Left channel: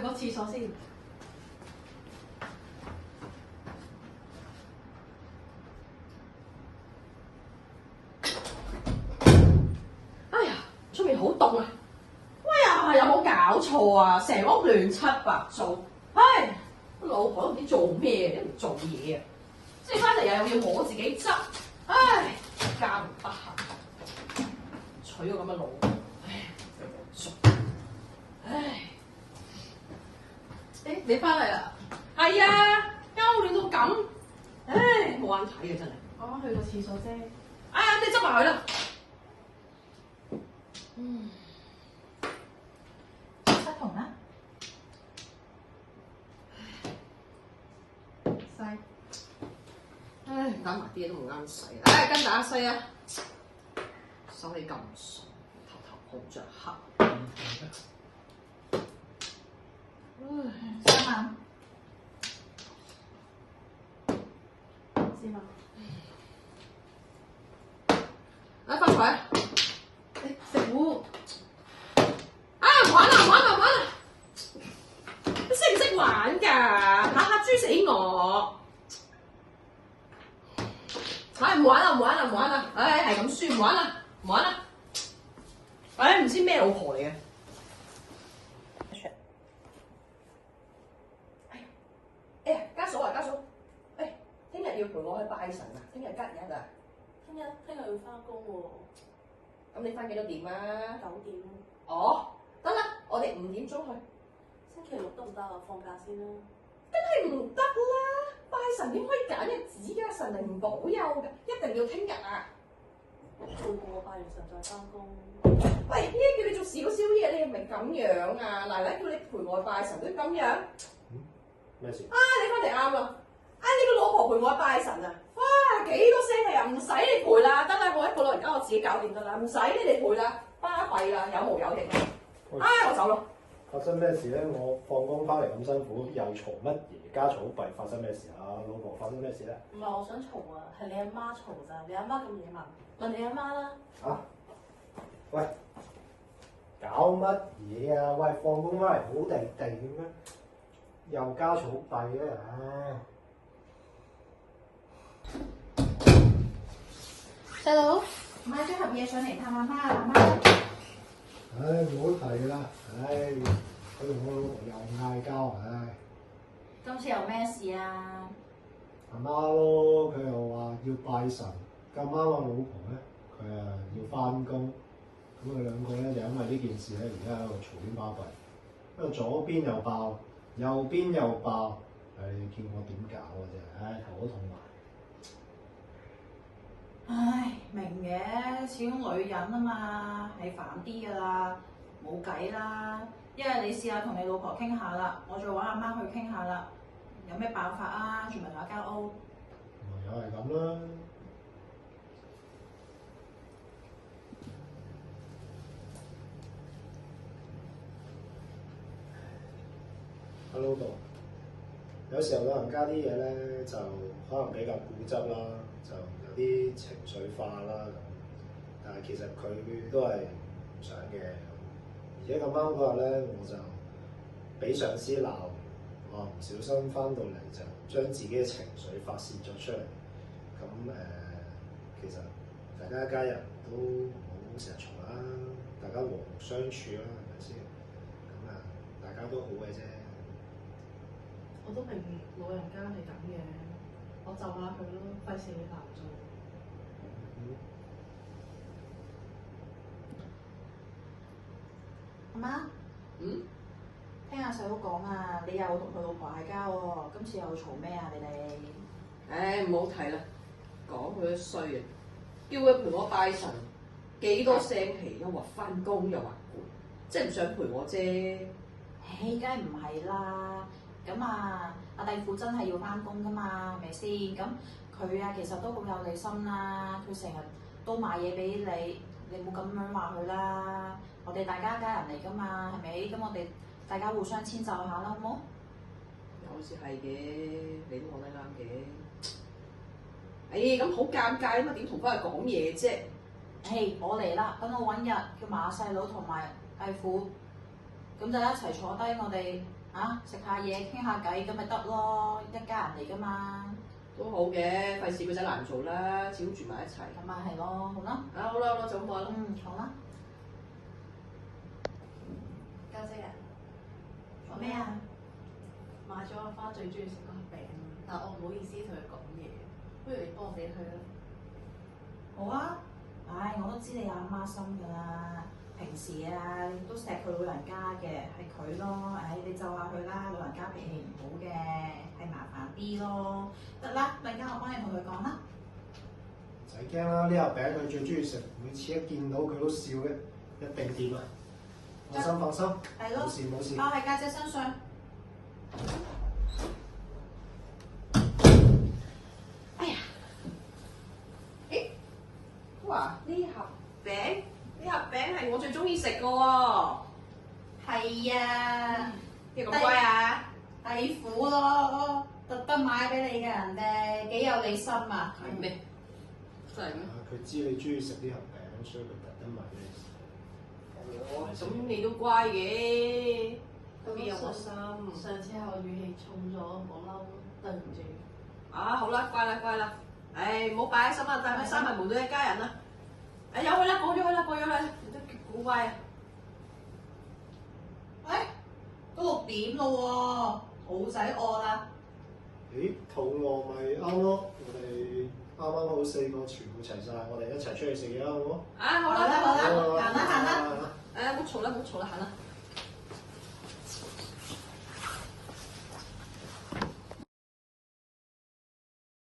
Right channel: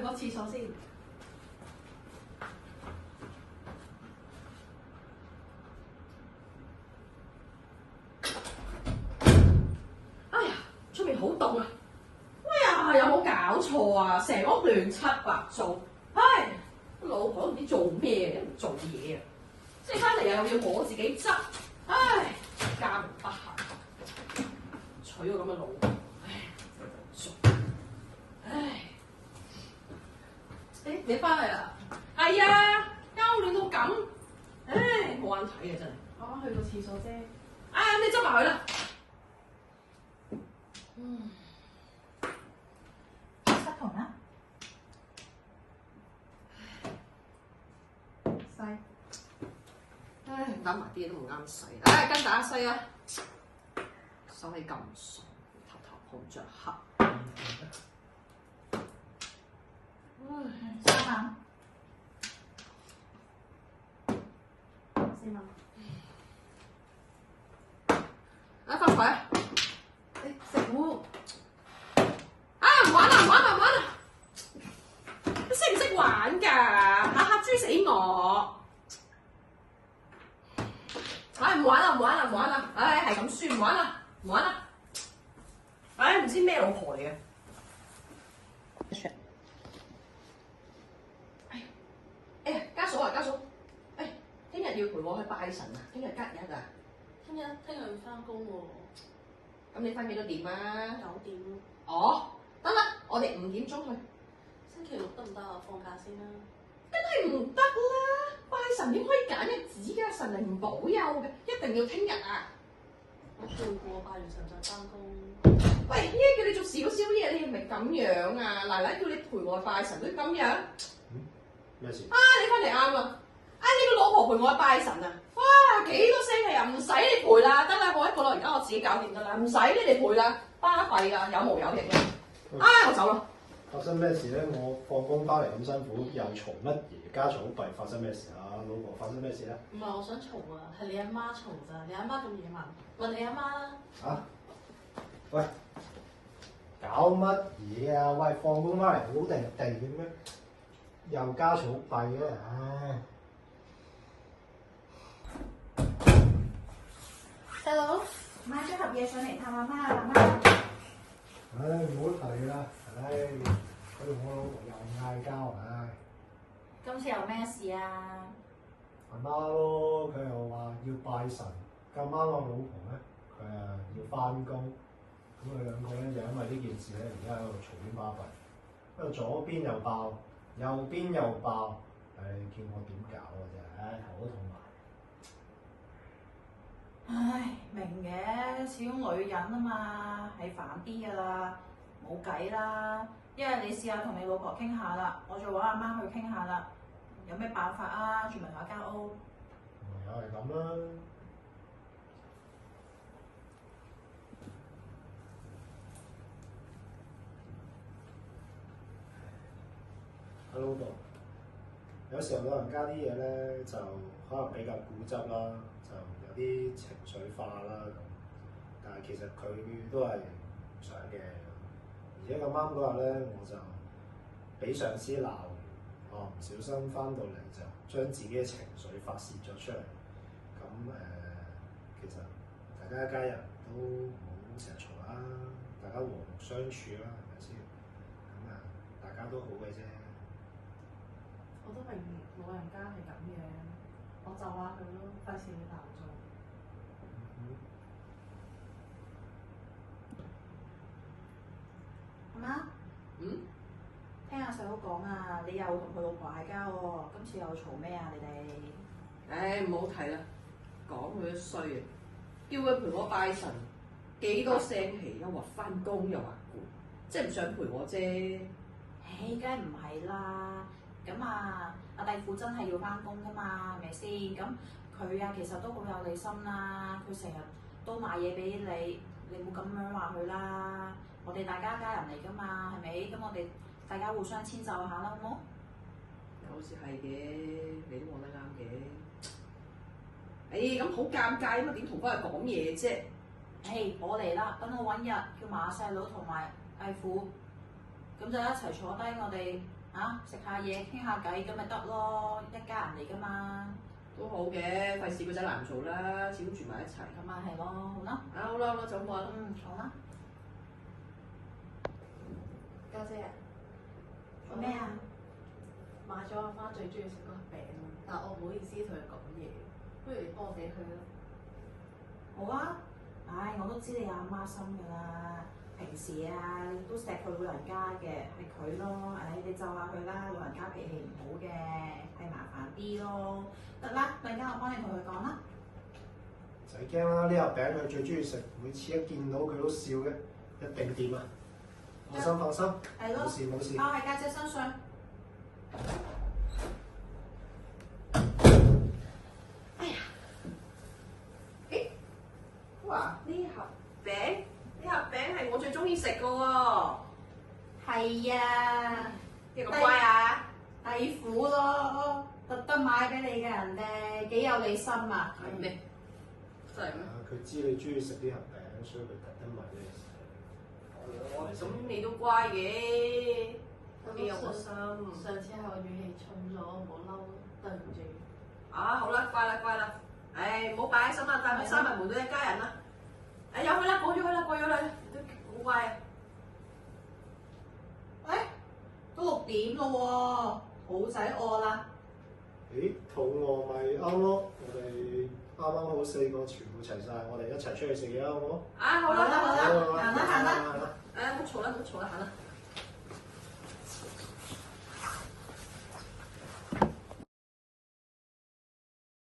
去個廁所先。哎呀，出面好凍啊！哎呀，有冇搞錯啊？成屋亂七八糟，唉，老婆都唔知做咩，都唔做嘢啊！即係翻嚟又要我自己執，唉，家唔得閒，娶個咁嘅老婆，唉，冇熟，唉，誒，你翻嚟啦？係啊，間屋亂到咁，唉，冇眼睇嘅真係。我去個廁所啫。啊，咁你執埋佢啦。失同啊？細，唉，打埋啲嘢都唔啱使，唉，跟打西啊，手氣咁爽，頭頭碰着黑，唉3萬，4萬，啊，發財啊！食糊，啊，唔玩啦，唔玩啦，唔玩啦！你識唔識玩㗎？下下豬死我！唉，唔玩啦，唔玩啦，唔玩啦！唉，係咁輸，唔玩啦，唔玩啦！唉，唔知咩老婆嚟嘅。哎呀，家嫂啊，家嫂，誒，聽日要陪我去拜神啊！聽日吉日啊！聽日要翻工喎，咁你翻幾多點啊9點。哦，得啦，我哋5點鐘去。星期六得唔得啊？放假先啦。梗係唔得啦！拜神點可以揀日子㗎？神靈唔保佑嘅，一定要聽日啊！我配過拜完神再翻工。喂，依家叫你做少少嘢，你係咪咁樣啊？奶奶叫你陪我拜神都咁樣。咩事？啊，你翻嚟啱啦！啊，呢個老婆陪我拜神啊！哇，幾多聲氣啊！唔使你陪啦，得啦，我一個老人家我自己搞掂得啦，唔使你哋陪啦，巴閉啦，有毛有翼嘅。啊，我走啦！發生咩事咧？我放工翻嚟咁辛苦，又嘈乜嘢家嘈閉？發生咩事啊？老婆發生咩事咧？唔係我想嘈啊，係你阿媽嘈咋？你阿媽咁野蠻，問你阿媽啦。啊？喂，搞乜嘢啊？喂，放工翻嚟好地地嘅咩？又家嘈閉嘅，唉！細佬買咗盒嘢上嚟探阿媽啊，阿媽。唉，唔好提啦！唉，佢同我老婆又嗌交，唉！今次有咩事啊？阿媽咯，佢又話要拜神，咁啱我老婆咧，佢要翻工，咁佢兩個咧就因為呢件事咧，而家喺度嘈喧巴閉，因為左邊又爆，右邊又爆，唉，叫我點搞啊真係，唉，頭都痛埋。唉，明嘅，始終女人啊嘛，係煩啲噶啦，冇計啦。一係你試下同你老婆傾下啦，我再揾阿媽去傾下啦。有咩辦法啊？住埋同一間屋。唯有係咁啦。阿老豆，有時候老人家啲嘢咧就可能比較固執啦，就有啲情緒化啦咁。但係其實佢都係唔想嘅咁。而且咁啱嗰日咧，我就俾上司鬧，我唔小心翻到嚟就將自己嘅情緒發泄咗出嚟。咁其實大家一家人都唔好成日嘈啦，大家和睦相處啦，係咪先？咁大家都好嘅啫。我都明老人家係咁嘅，我就下佢咯，費事你難做。阿媽，聽阿細佬講啊，你又同佢老婆嗌交喎，今次又嘈咩啊？你哋？唉，唔好提啦，講佢都衰啊！叫佢陪我拜神，幾多聲氣，又話翻工又話攰，即係唔想陪我啫。唉，梗係唔係啦。咁啊，阿弟婦真係要翻工噶嘛，係咪先？咁佢啊，其實都好有你心啦。佢成日都買嘢俾你，你冇咁樣話佢啦。我哋大家一家人嚟噶嘛，係咪？咁我哋大家互相遷就下啦，好冇？有時係嘅，你都講得啱嘅。唉，咁好尷尬啊嘛，點同翻佢講嘢啫？唉，我嚟啦，等我揾日叫埋阿細佬同埋弟婦，咁就一齊坐低，我哋啊，食下嘢傾下偈咁咪得咯，一家人嚟㗎嘛。都好嘅，費事個仔難做啦，始終住埋一齊。咁咪係咯，好啦。啊好啦好啦，就咁話啦。好啦。家姐啊，做咩啊？買咗阿花最中意食嗰盒餅，但我唔好意思同佢講嘢，不如你幫我俾佢啦。好啊。唉，我都知你阿媽心㗎啦。平時啊，你都錫佢老人家嘅，係佢咯。唉，你就下佢啦，老人家脾氣唔好嘅，係麻煩啲咯。得啦，陣間我幫你同佢講啦。唔使驚啦，呢盒餅佢最中意食，每次一見到佢都笑嘅，一定掂啊！放心放心，係咯冇事冇事。包喺家姐身上。哇！呢盒餅係我最中意食嘅喎。係啊，你咁乖啊？弟婦咯，特登買俾你嘅人哋，幾有你心啊！係咩？真係咩？佢知你中意食呢盒餅，所以佢特登買俾你食。哦，咁你都乖嘅，都幾有我心。上次係我語氣重咗，唔好嬲，對唔住。啊，好啦，乖啦，乖啦。唉，唔好擺喺心啦，大家閂埋門都一家人啦。唉，由佢啦，過咗去啦，過咗去啦，都好乖啊。喂，都6點咯喎，好仔餓啦。咦，肚餓咪啱咯！我哋啱啱好4個全部齊晒，我哋一齊出去食嘢啦，好唔好？啊，好啦，好啦好啦，行啦行啦。誒，唔好嘈啦，唔好嘈啦，行啦。